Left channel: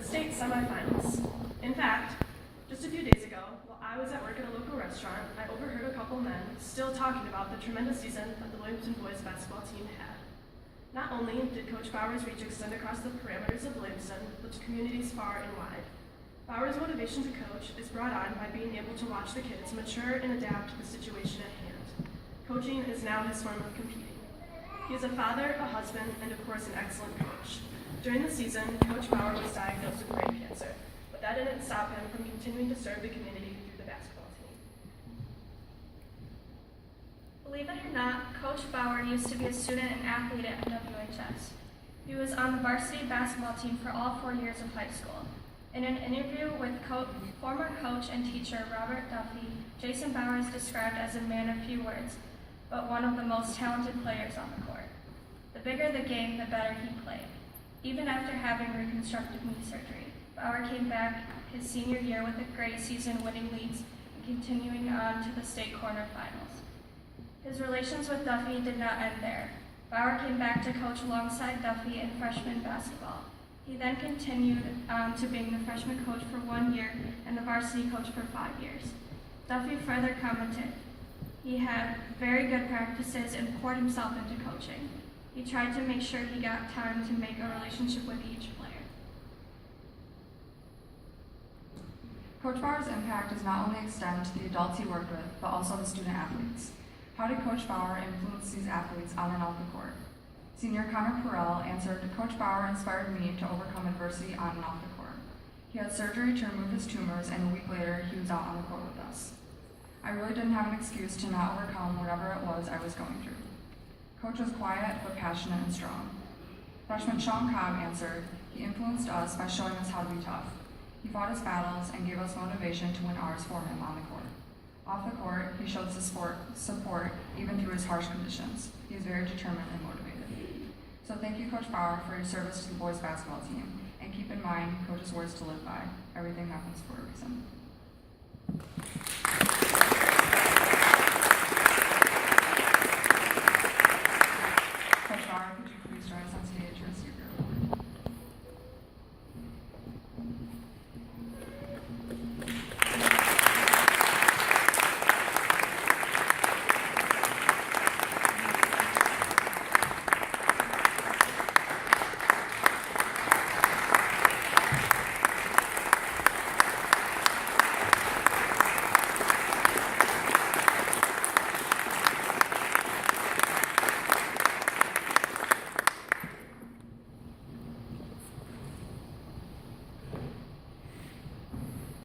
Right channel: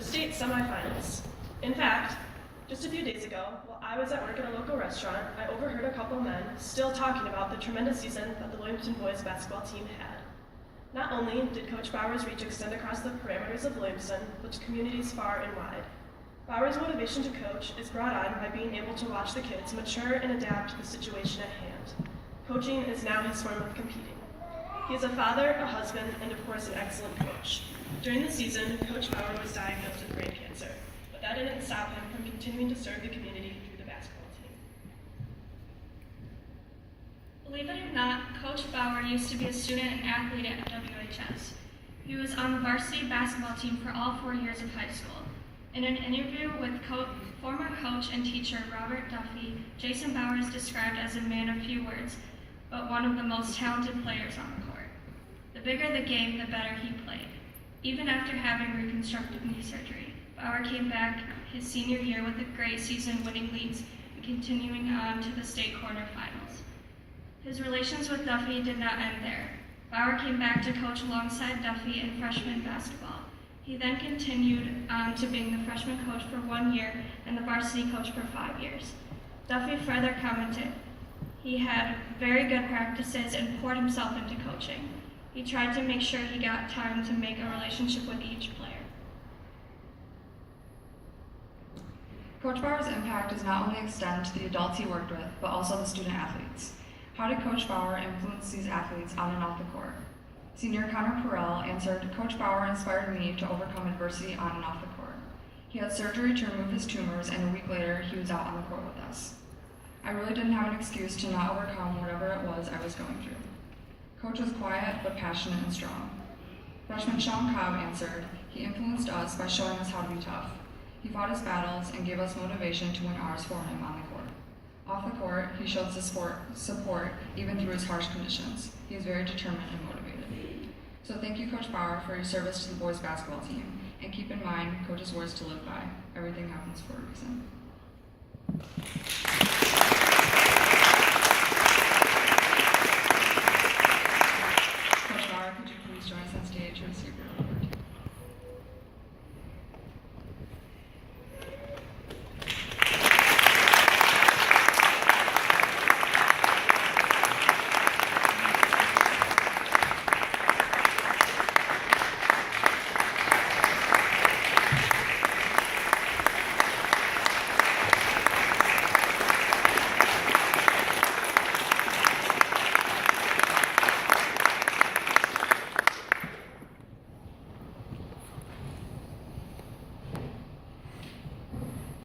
the state semifinals. In fact, just a few days ago, while I was at work at a local restaurant, I overheard a couple men still talking about the tremendous season that the Williamson boys basketball team had. Not only did Coach Bauer's reach extend across the parameters of Williamson, but to communities far and wide. Bauer's motivation to coach is brought on by being able to watch the kids mature and adapt to the situation at hand. Coaching is now his form of competing. He is a father, a husband, and of course an excellent coach. During the season, Coach Bauer was diagnosed with brain cancer, but that didn't stop him from continuing to serve the community through the basketball team. Believe it or not, Coach Bauer used to be a student athlete at WHS. He was on the varsity basketball team for all 4 years of high school. In an interview with former coach and teacher Robert Duffy, Jason Bauer is described as a man of few words, but one of the most talented players on the court. The bigger the game, the better he played. Even after having reconstructive knee surgery, Bauer came back his senior year with a great season, winning leagues and continuing on to the state quarterfinals. His relations with Duffy did not end there. Bauer came back to coach alongside Duffy in freshman basketball. He then continued on to being the freshman coach for 1 year and the varsity coach for 5 years. Duffy further commented, he had very good practices and poured himself into coaching. He tried to make sure he got time to make a relationship with each player. Coach Bauer's impact does not only extend to the adults he worked with, but also the student athletes. How did Coach Bauer influence these athletes on and off the court? Senior Connor Perrell answered, Coach Bauer inspired me to overcome adversity on and off the court. He had surgery to remove his tumors, and a week later, he was out on the court with us. I really didn't have an excuse to not overcome whatever it was I was going through. Coach was quiet, but passionate and strong. Freshman Sean Cobb answered, he influenced us by showing us how to be tough. He fought his battles and gave us motivation to win ours for him on the court. Off the court, he showed support even through his harsh conditions. He is very determined and motivated. So thank you, Coach Bauer, for your service to the boys basketball team. And keep in mind, Coach's words to live by. Everything happens for a reason.